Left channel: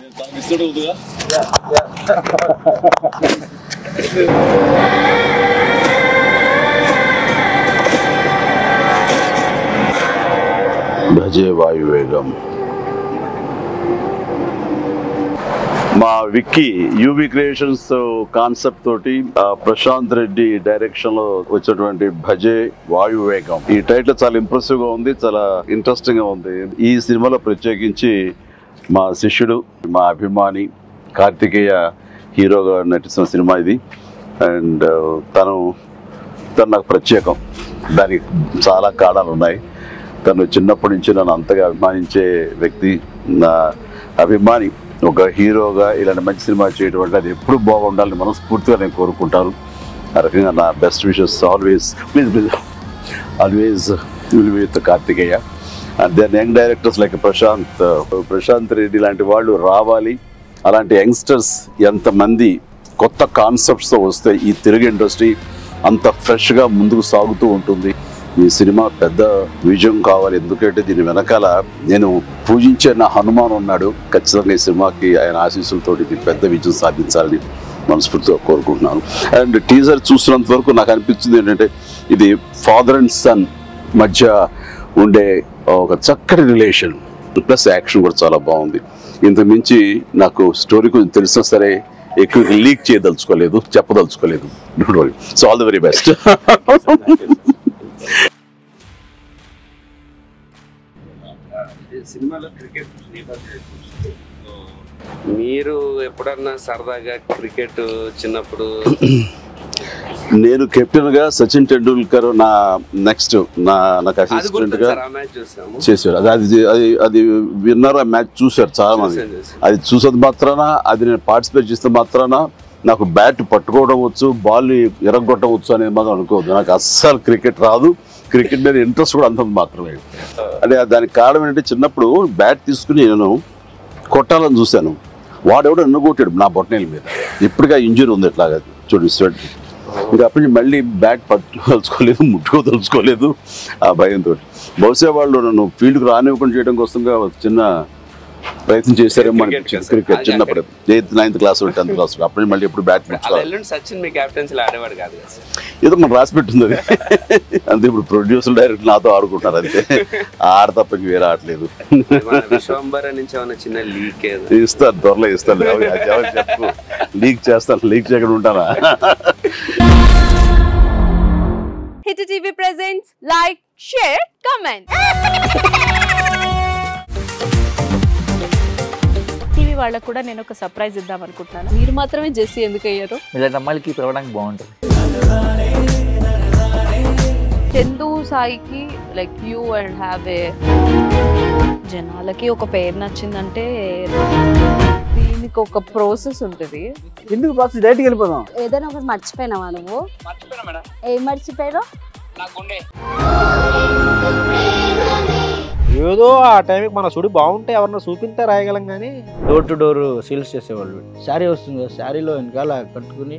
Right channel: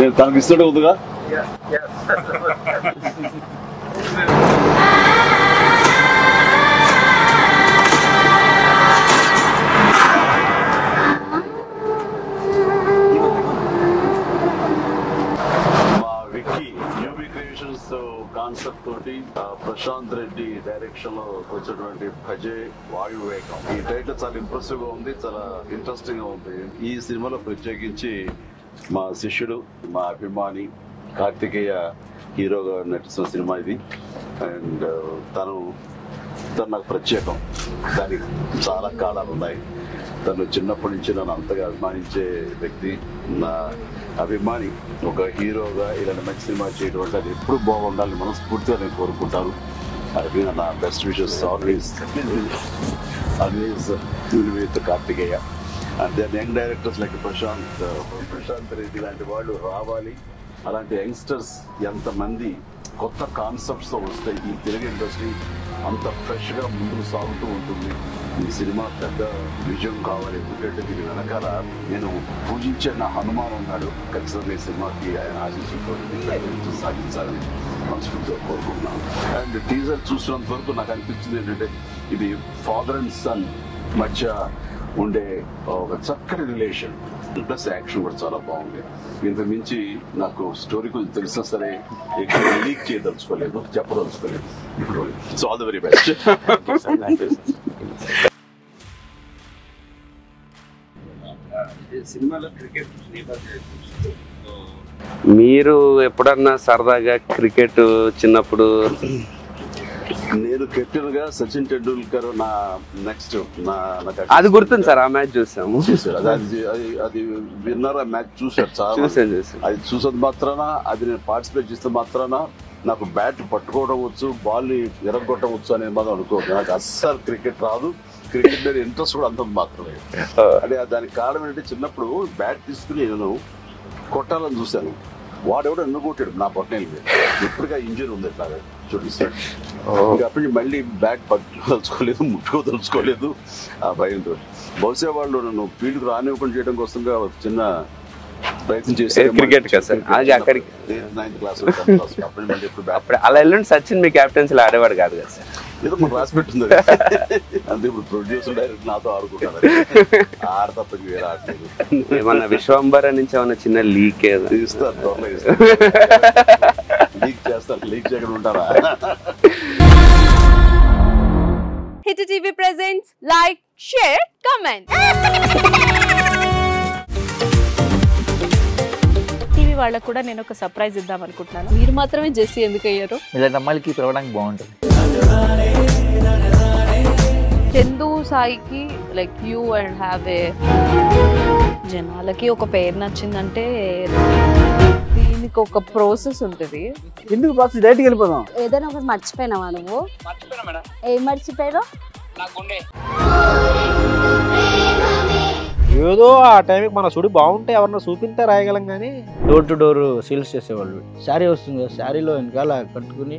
నేను తనకు ఇస్తుంటే ఉందిగా. భజే వాయువేగం. మా విక్కీ యూబీ క్రియేషన్స్ కాన్సెప్ట్ తోటి ప్రశాంత్ రెడ్డి డైరెక్షన్ లో వచ్చినటువంటి భజే వాయువేగం. ఈ టైటిల్ చాలా ఇంప్రెసివ్ గా ఉంది, చాలా ఇంట్రెస్టింగ్ గా ఉంది. ఈ సినిమాలో ప్రత్యేకించి మా శిష్యుడు, మా అభిమాని కార్తికేయ హీరోగా నటిస్తున్న సినిమా ఇది. అండ్ తను నాకు ప్రత్యేకం. దానికి చాలా కారణాలు ఉన్నాయి. తను చిన్నప్పటి నుంచి నన్ను అంతగా అభిమానించే వ్యక్తి. నా అభిమాని ఒక హీరోగా ఇలాంటి మంచి సినిమా చేయడం వల్ల అది ఎప్పుడు బాగుండాలని మనస్ఫూర్తిగా నేను కోరుకుంటాను. ఆ రకంగా నా best wishes always with Karthikeya. And then young directors like Prashanth Reddy లాంటి వాళ్ళు రావాలి. అలాంటి యంగ్స్టర్స్ ఎంతమంది కొత్త కాన్సెప్ట్స్తో వస్తే ఈ తెలుగు ఇండస్ట్రీ అంత ఫ్రెష్గా ముందుకు సాగుతూ ఉంటుంది. ఈ సినిమా పెద్ద విజయం కావాలి. ఎందుకంటే దీని వెనకాల నేను పూజించే నా హనుమాన్ ఉన్నాడు. ఖచ్చితంగా ఈ సినిమాకి ఆయన ఆశీస్సులతో పెద్ద విజయం సాధించాలని మనస్ఫూర్తిగా కోరుకుంటున్నాను. అండ్ టీజర్ చూసినంత వరకు నాకు అనిపించింది ఏంటంటే ఇది ఫాదర్ అండ్ సన్ మధ్య ఉండే ఒక చక్కటి రిలేషన్, ప్లస్ యాక్షన్ కూడా చాలా బాగుంది. ఇంతకు మించి నాకు స్టోరీ కొంచెం తెలిసినా సరే ఎక్కువ లీక్ చేయదలుచుకోలేదు, చెప్పదలుచుకోలేదు. Don't worry. So all the very best. మీరు ఎప్పుడన్నా సరదాగా క్రికెట్ చిన్నప్పుడు? నేను కెప్టెన్ గా సచిన్ టెండూల్కర్ నా నెక్స్ట్ అది గుర్తుంది సార్. ఆ మ్యాచ్ చూసాము, చేశారు. అది విన్నర్. ఆ మ్యాచ్ చూశారు చాలా మంది. అది చూసేది మాత్రాన, అది నేను పార్టిసిపేట్ చేస్తే మాత్రాన నాకు బ్యాట్ పట్టుకోవడం వచ్చు, బాల్ ఎరగొట్టవచ్చు అనేది మాత్రం అనుకోవద్దు. నాకు అస్సలు క్రికెట్ రాదు. క్రికెట్ మీద ఇంట్రెస్ట్ కూడా అంత మాత్రమే. అంటే దానికి కారణం ఏంటంటే చిన్నప్పుడు బ్యాట్ తీసుకుని నేను కొట్టాలని చూశాను. వాడెవడో నన్ను కొట్టాడు నా బొట్టనేల మీద. ఇప్పటికీ ఇంజరీ ఉంది ఇట్లాగా చూడు స్వెట్. ఇంకా అప్పటి నుంచి మళ్ళీ బ్యాట్ పట్టుకోదలుచుకోలేదు, ముట్టుకోదలుచుకోలేదు ఆ భయంతో. బహుశా వాళ్ళు నన్ను ఫీల్డ్కి రానివ్వకుండా చేయడం కోసంగా చిన్న ప్రయత్నం చేశారు. చిన్నప్పుడు 8th 9th class 10th class అప్పటి మళ్ళీ ఎప్పుడు బ్యాట్. అలా వెళ్ళండి. సచిన్ మీ కెప్టెన్సీలో ఆడేవాడు కాదు కదా సార్? ఏదో మనం రాసి పెట్టింది అంతే. ఇప్పుడు ప్రొడ్యూసర్ డైరెక్ట్ నాతో ఆడుకుంటారు. అది ఆడ తప్ప వేరే ఆడలేదు. విశ్వంబర నుంచి ఏమన్నా చిన్న లీక్ ఇస్తారు, త్వరలో ఇస్తారు. లీక్ చేస్తాను, లీక్ చేయకుండా ఉంటానా? Hit TV presents like, share, comment. TV వాళ్ళకు కూడా నేను ఒక సర్ప్రైజ్ ఇద్దాం అనుకుంటున్నాను. మీరు మాత్రమే జెస్సీ ఎందుకు అయ్యారు? ఇలాంటి అమ్మాయిలకి పిలవడానికి బాగుంటుంది. చందు సాయికి like you and have a జనాలకి ఒక పేరు నచ్చిందంటే దీనికి ఒక ప్రాసెస్ ఉంటుంది. ఎందుకు ప్రాసెస్? డైరెక్ట్‌గా వెళ్ళిపోదాం. ఏదైనా ఒకటి మర్చిపోయినావా నువ్వు? మర్చిపోయినా మేడం. ఏం మర్చిపోయావు? నా గుండె. ఏదో ఆ టైంకి మన సుడి బాగుంటే ఎవరన్నా చూపిస్తే రాయగలం కానీ డోర్ టు డోర్ సేల్స్ చేసేవాళ్ళు. శారీ వస్తుంది, శారీలో వెనకాల కట్టుకుని